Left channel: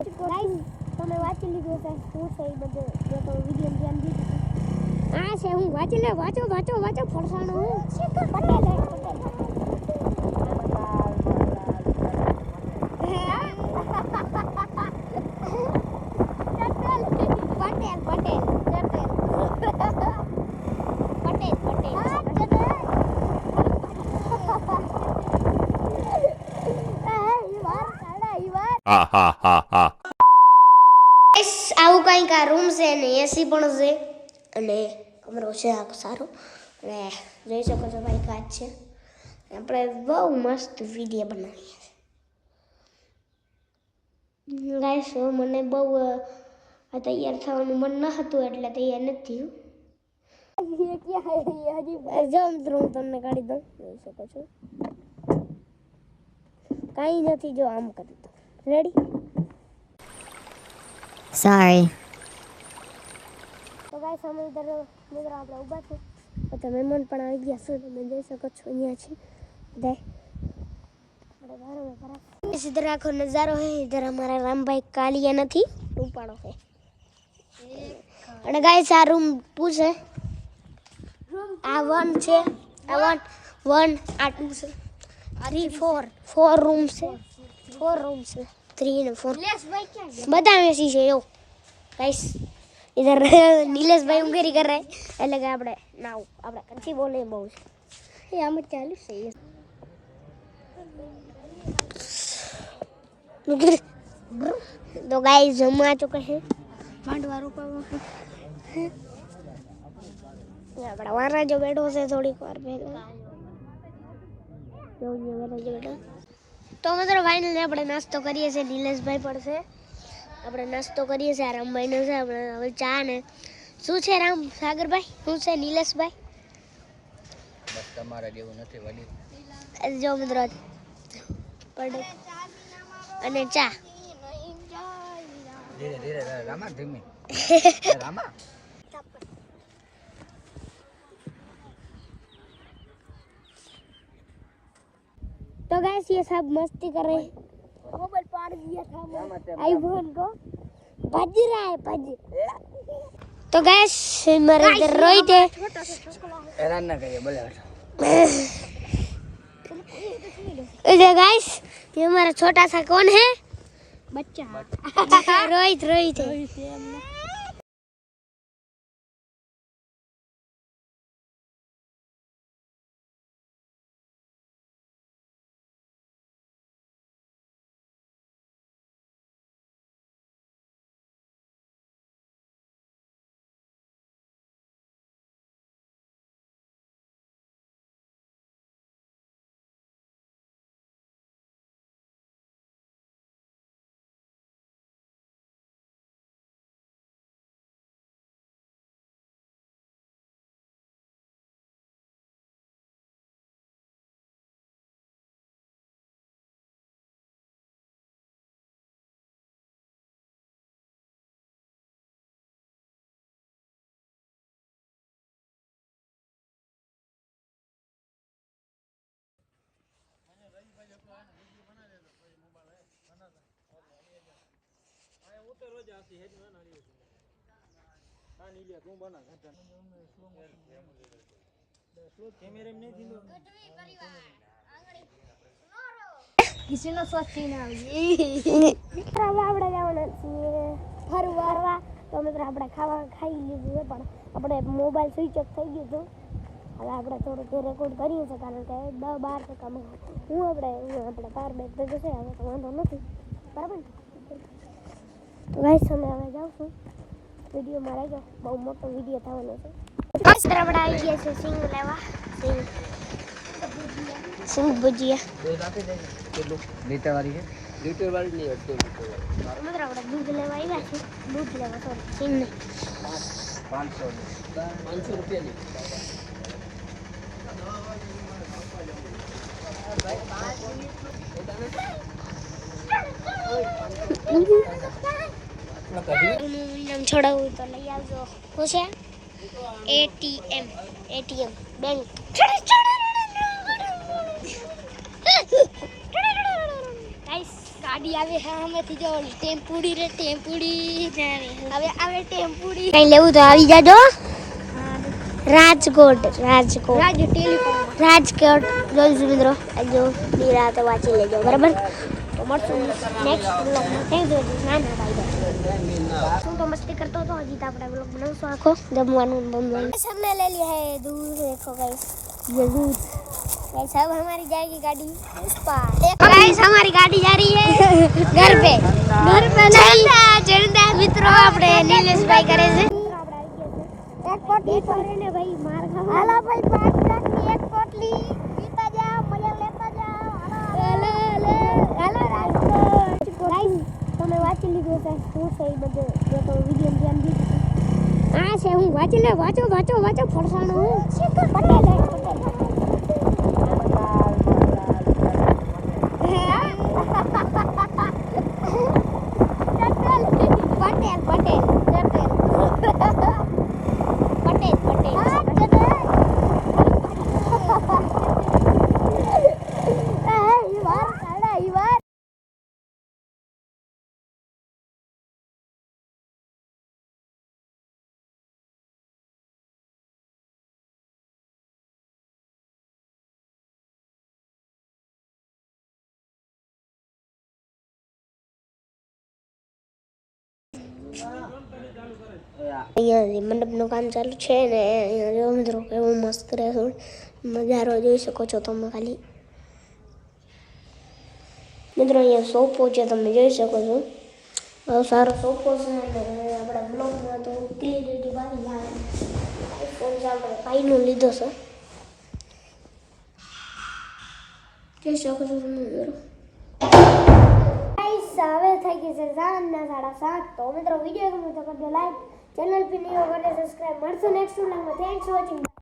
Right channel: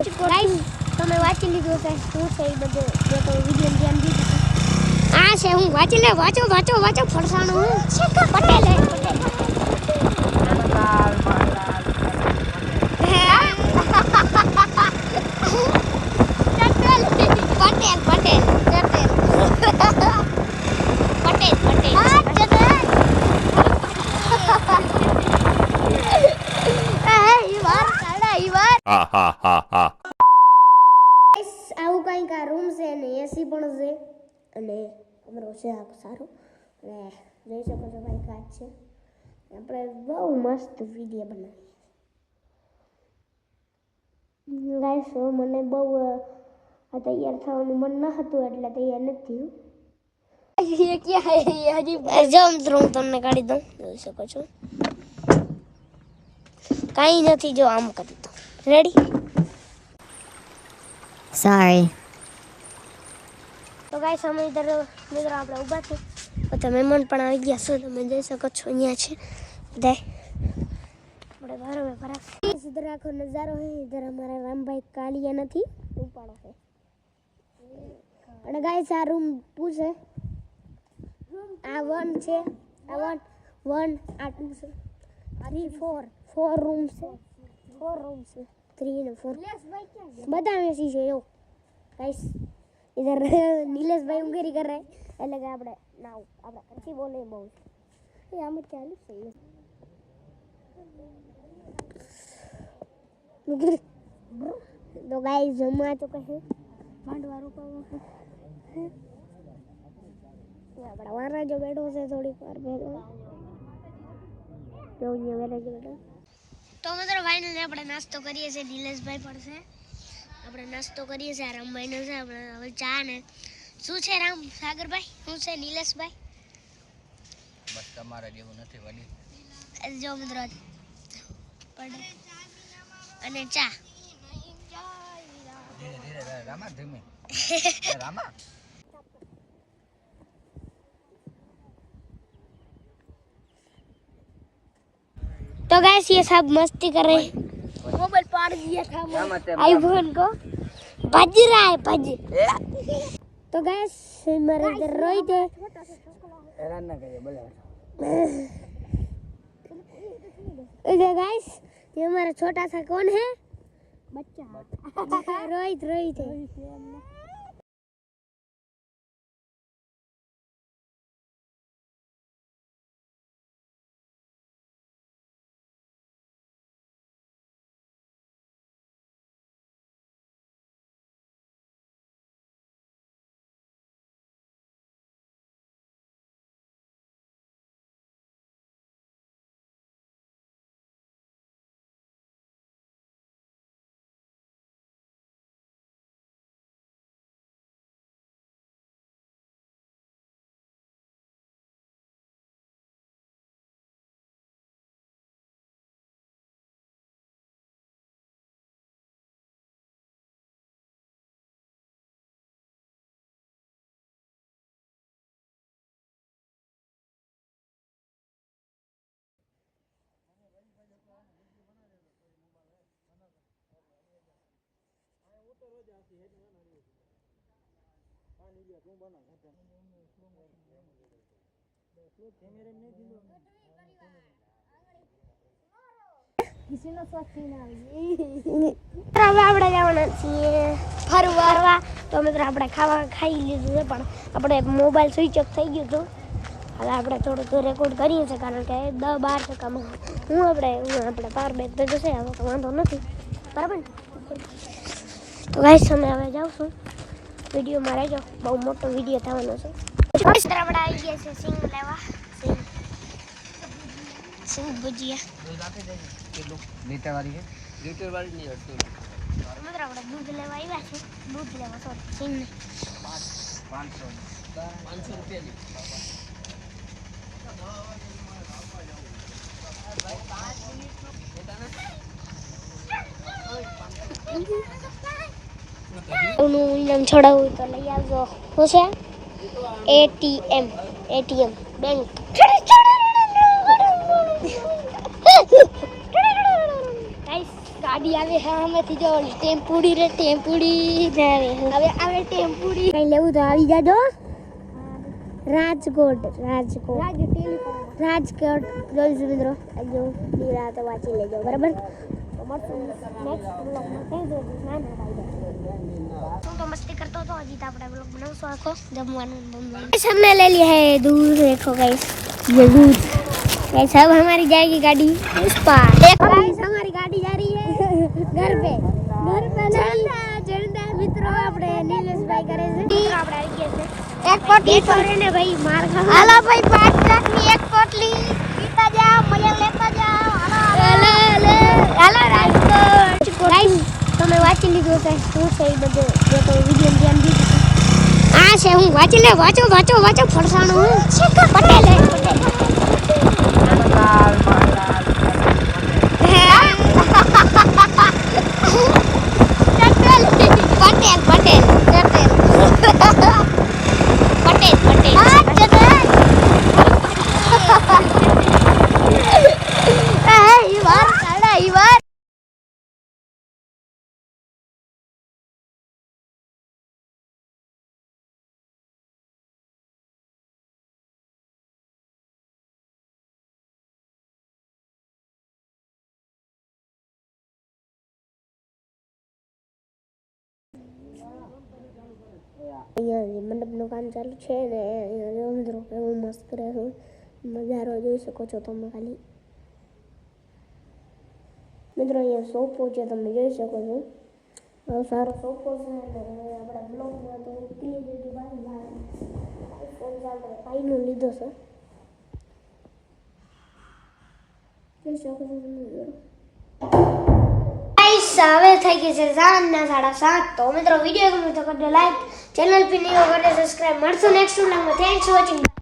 Guys તમે વાંચી લીધું હશે શું છે એ બધું મેં તો વિડીયો ધ્યાન દીધું આ છે હું વાંચી લે વાંચો ફરસાણું Patel Ha ha ha ha. આવું કંઈક આ રૂમ છે ને એસી પણ છે અને કમરો છે આ સારો અને જોઈ શકો છો ભાઈ કાચ છે આપણે બહુ મસ્ત વિડીયો બનાવીએ ગાઈસ મને બહુ આ તૈયાર થવાનું મન ન હતું એટલે તૈયાર નથી થયું એ ક્યાં હે હજી જો મિત્રો હું તમને કાઢી દઉં જોઈ શકો છો કાંઈ નથી જો આમ કરી દઉં રેડી Sorry. તો ગાઈસ અમે મિત્રો આપણે ઊભા છે બધા મહેમાન પણ આવી ગયા છે તમે જોઈ શકો છો અહીંયા છે બધા આપણે બરાબર બરાબર ઇધર આખો નજારો હે ઇધર અમારા રામભાઈ કાલિયા નથી ઉપાડો છે અને ગાઈસ આ રૂમ 2 છે આ 1 છે આ 1 આ 2 છે 3 4 રૂમ છે 4 રૂમ છે 3 ને 4 બધા મેસી છે યો गाइस इधर नीलेश भाई उंगरी कर रहे हैं એટલે કે આપણે નાવ આપણે કંચી બોલે બહુ છે એ આમ ચાલુ છે तो गाइस हम आ चुके हैं भांडवारों पर यहाँ बड़ा वारा जो बैठो से थोड़ी વાર પહેલા જો ये वाला जो बैठो तो मतलब फाइनल આપણે નાસ્તો કરીએ છે નીલેશભાઈ પડશે આપણે નાસ્તો કરીએ છીએ રામભાઈનો છે આપણે હવે ચા ને શું છે રામ સાગરભાઈ શું છે નીલેશભાઈ બસ તમારા જેવું નથી વડી જો મિત્રો પડે અને ચા ધીરે ધીરે રામા ધીમે રામા तो गाइस ये सब मस्ती कर रहे हैं मोबाइल पाड़ दिया था आईफोन को भज रहा है भज तो गाइस मेरे इधर रोहित है हैरान ना करिए बोले इधर गाइस ये हमारा छोटा सा कौन है बच्चा रोहित है કિસીનો સ્વચ્છ ના આવી આપણે જવાના છીએ ફરવા તો મિત્રો આપણે ખાઈ લીધું છે પણ આપણે મોબાઈલ સ્વિચ ઓફ થઈ ગયું હતું હવે આપણે થોડુંક રેકોર્ડ કરીએ છીએ કારણ કે 10-12% હું આપણે પાર બેક તો જશે હવે તો વાંધો નથી બરાબર ને તો ગાઈસ અમે હવે જાઉં વિડીયોમાં રહેજો બહુ મોટો વિડીયો થવાનો છે ગાઈસ આપણે આવી ગયા છે સિંગ લેવા સિંગ ભુજીયા દૂધ આપી દે કેટલું લીટર વાળી છે લીટર વાળી નહીં 8 મિત્રો આપણે દૂધ લેવા આવ્યા છે દૂધ લેવા સોરી સિંગ ને 500 રૂપિયાની નું ઇનામ છોડાવવું તો લઈ આવજો શું છે એટીએમ બેંક ગાઈસ ગાડી આવે હે હમેથી જો ટેમ્પુડી રે ટેમ્પુડી હવે આવે ટેમ્પુડી કઈ લેવું તો આવી જાજો રાજકોટ રાજકોટ જોઈશું મિત્રો જો નિરાતે વાંચી લેજો બરાબર તો મળશું નેક્સ્ટ બ્લોગમાં થેન્ક યુ નાના ભાઈ શું તો મસ્તી કરતો હતો હજી તો આપણે બ્લોગ બનાવશું આખો જમવાનું हमने ले लिया है दूध देखो गाइस ये दूध गाइस अब हमारी जाएगी गाड़ी उस पार देखो गाइस हमारी गाड़ी जा रही है घर पे चलता मित्रों આપણે નીલેશભાઈ કરે છે એક પોટલી કરે ને ભાઈ માર ખા હાલો ભાઈ 5 લાખની એક પોટલી પીતા જાઓ મજા લેતા જાઓ હાલો હાલો રાજકોટ ગાઈસ તમે વાંચી લીધું છે શું છે એ બધું જે કોઈ વિડિયો ધ્યાન દીધું આ છે હું વાંચી લે વાંચો ફરસાણું પટેલ અહીંયા મંડપનું કામ ચાલુ છે ને અહીંયા જો મિત્રો કેવું મસ્ત રહેશે નજારો જોઈ શકો છો તમે ખાલી મિત્રો અહીંયા સોફો છે તમે જોઈ શકો છો બહુ સારો સોફો છે અને આપણા બ્લોગમાં તો ક્લિયરિટી બાકી આવે ફોન આપણે પાઈનો લીધો છે જોઈ શકો છો તમે હવે થઈ ગઈ છે સાંજના 7:30 તો મિત્રો વિડીયો ગમ્યો તો કરજો લાઈક ચેનલ પર નવો કરજો સબસ્ક્રાઇબ મળશું નેક્સ્ટ વ્લોગમાં થેન્ક્સ ફોર વોચિંગ